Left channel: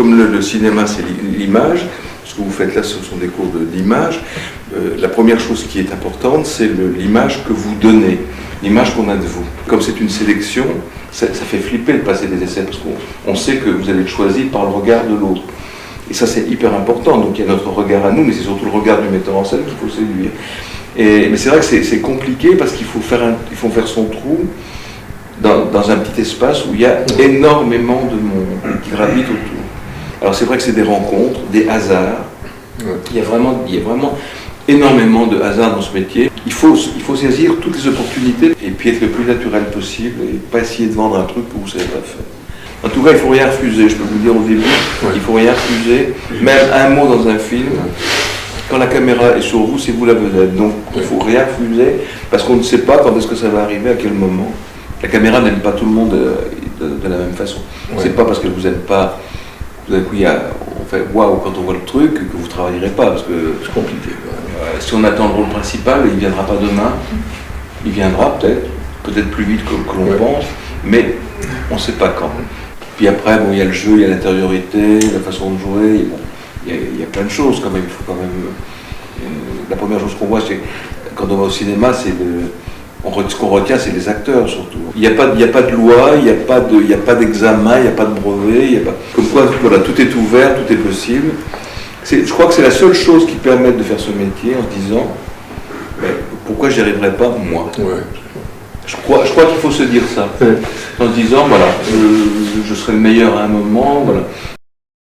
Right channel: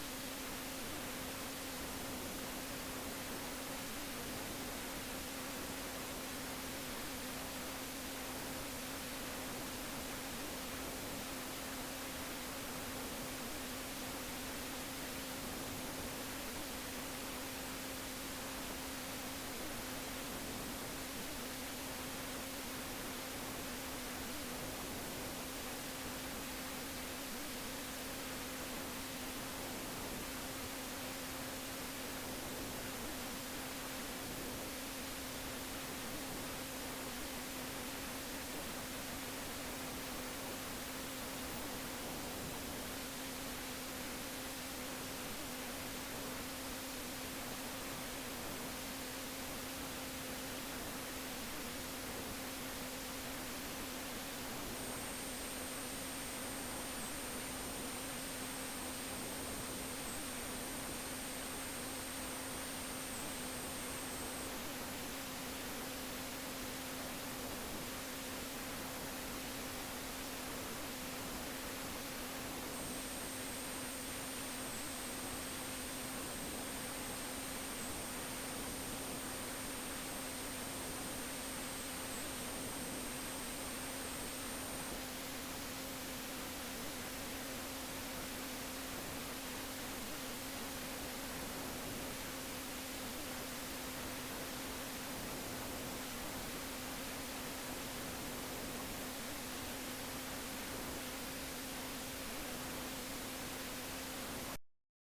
comme le cinéma c'est l'image, ce que vous faites là ce sont des cours d'image, la première chose qui est importante c'est l'image que vous donnez, l'image qu'on a de vous. Comme c'est une sélection, ça fait flipper de passer des essais parce qu'on sait que vous allez être choisi par le regard de l'autre. Et ça c'est hyper important, donc il y a notre regard à nous, mais c'est surtout le regard du metteur en scène qu'il faut séduire. Mais c'est vrai que c'est compliqué parce qu'il faut faire son trou dans un petit espace où il y a énormément de monde qui gravite autour. Alors c'est vrai que c'est des rencontres, des hasards. Il y a vraiment énormément de hasards dans ce métier. Il faut saisir toutes les opportunités et puis être le plus naturel possible et pas essayer de vendre un truc que vous ne savez pas faire. En tout cas, il ne faut rien refuser, je peux vous le dire au début, il ne faut rien refuser, même un mot dans un film. Quand la caméra est sur vous, c'est vous la vedette. Donc il ne faut rien refuser parce qu'on ne sait pas quand est-ce que ça va arriver, à quel moment. La caméra n'aime pas tout le monde de la même façon. C'est pas parce que vous n'êtes pas... Tout d'un coup, on fait waouh quand on voit le truc que vous ne travaillerez pas parce que c'est compliqué. Si on attend le rôle principal, il ne viendra pas demain. Il viendra peut-être plus vite que l'on pense, mais on ne sait pas quand. Puis après, il y a le jeu, il y a l'intériorité, la façon de jouer, il y a plein de choses quand même. Il faut quand même. La première chose qu'on voit, c'est quand on va au cinéma, ce qu'on retient, c'est les acteurs surtout. Il n'y a pas de loi, il n'y a pas d'examen, il n'y a pas de brevet, comme quoi voilà, tout est ouvert, tout est possible. Je crois que c'est la seule chose qui permet de faire ce métier en se disant pourquoi j'y arriverai pas moi. Je crois qu'il faut se dire ça, en se disant voilà, je serai le meilleur à un moment, voilà.